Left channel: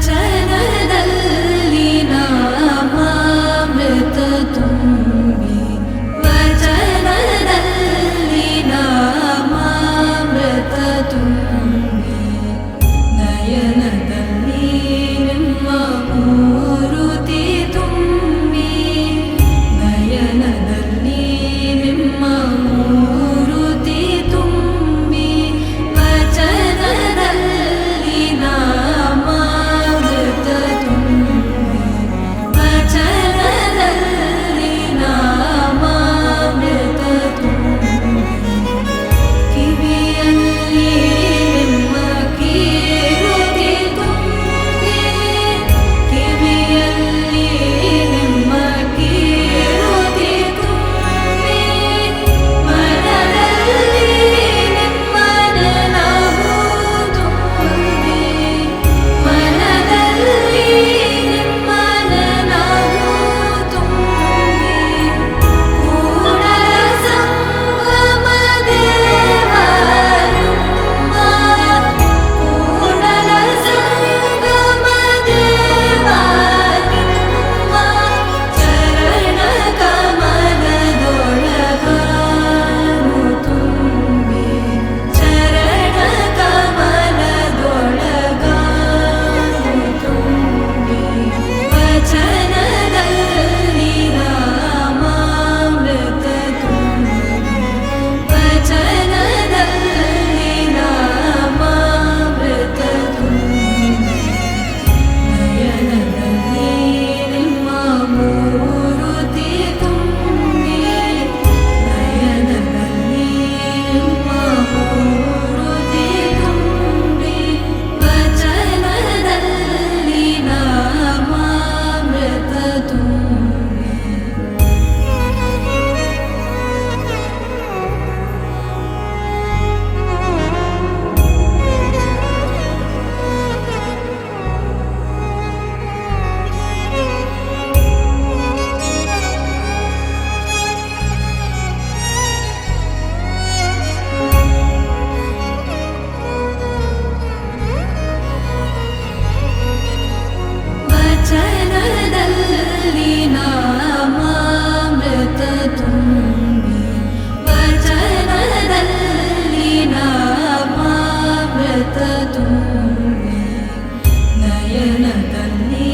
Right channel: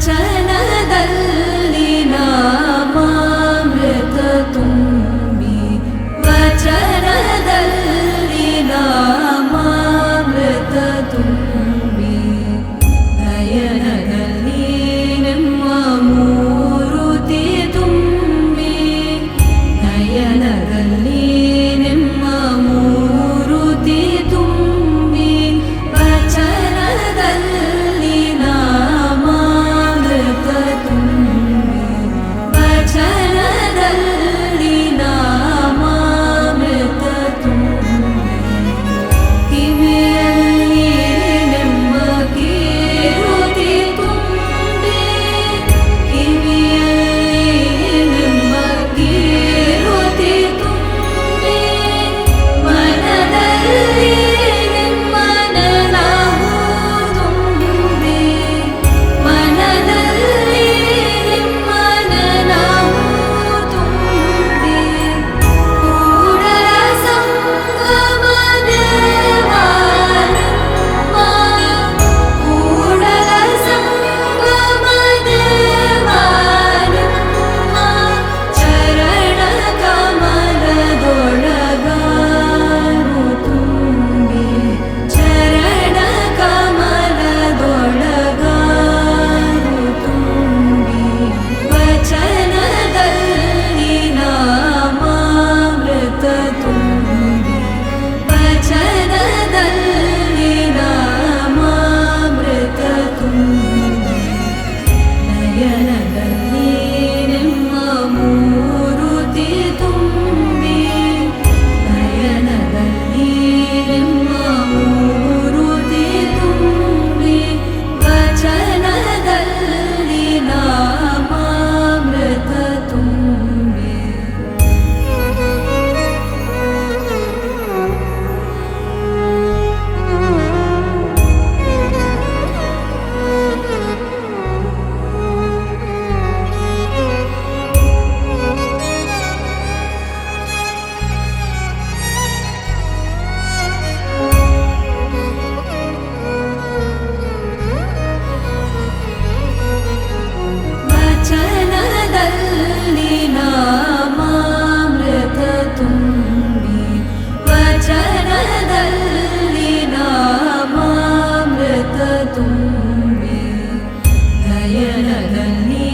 ವಚನದಲ್ಲಿ ನಾಮಾಮೃತ ತುಂಬಿ ವಚನದಲ್ಲಿ ನಾಮಾಮೃತ ತುಂಬಿ ನಯನದಲ್ಲಿ ನಿಮ್ಮ ಮೂರುತಿ ತುಂಬಿ ನಯನದಲ್ಲಿ ನಿಮ್ಮ ಮೂರುತಿ ತುಂಬಿ ವಚನದಲ್ಲಿ ನಾಮಾಮೃತ ತುಂಬಿ ವಚನದಲ್ಲಿ ನಾಮಾಮೃತ ತುಂಬಿ ಕಿವಿಯಲ್ಲಿ ನಿಮ್ಮ ಕೀರುತಿ ತುಂಬಿ ಕಿವಿಯಲ್ಲಿ ನಿಮ್ಮ ಕೀರುತಿ ತುಂಬಿ ಮನದಲ್ಲಿ ನಿಮ್ಮ ನೆನಪು ತುಂಬಿ ಮನದಲ್ಲಿ ನಿಮ್ಮ ನೆನಪು ತುಂಬಿ ಕೂಡಲ ಸಂಗಮ ದೇವ ನಿಮ್ಮ ಕೂಡಲ ಸಂಗಮ ದೇವ ನಿಮ್ಮ ಚರಣ ಕಮಲದೊಳಗಾನು ತುಂಬಿ ಚರಣ ಕಮಲದೊಳಗಾನು ತುಂಬಿ ವಚನದಲ್ಲಿ ನಾಮಾಮೃತ ತುಂಬಿ ವಚನದಲ್ಲಿ ನಾಮಾಮೃತ ತುಂಬಿ ನಯನದಲ್ಲಿ ನಿಮ್ಮ ಮೂರುತಿ ತುಂಬಿ ನಯನದಲ್ಲಿ ನಿಮ್ಮ ಮೂರುತಿ ತುಂಬಿ ವಚನದಲ್ಲಿ ನಾಮಾಮೃತ ತುಂಬಿ ವಚನದಲ್ಲಿ ನಾಮಾಮೃತ ತುಂಬಿ ವಚನದಲ್ಲಿ ನಾಮಾಮೃತ ತುಂಬಿ ನಯನದಲ್ಲಿ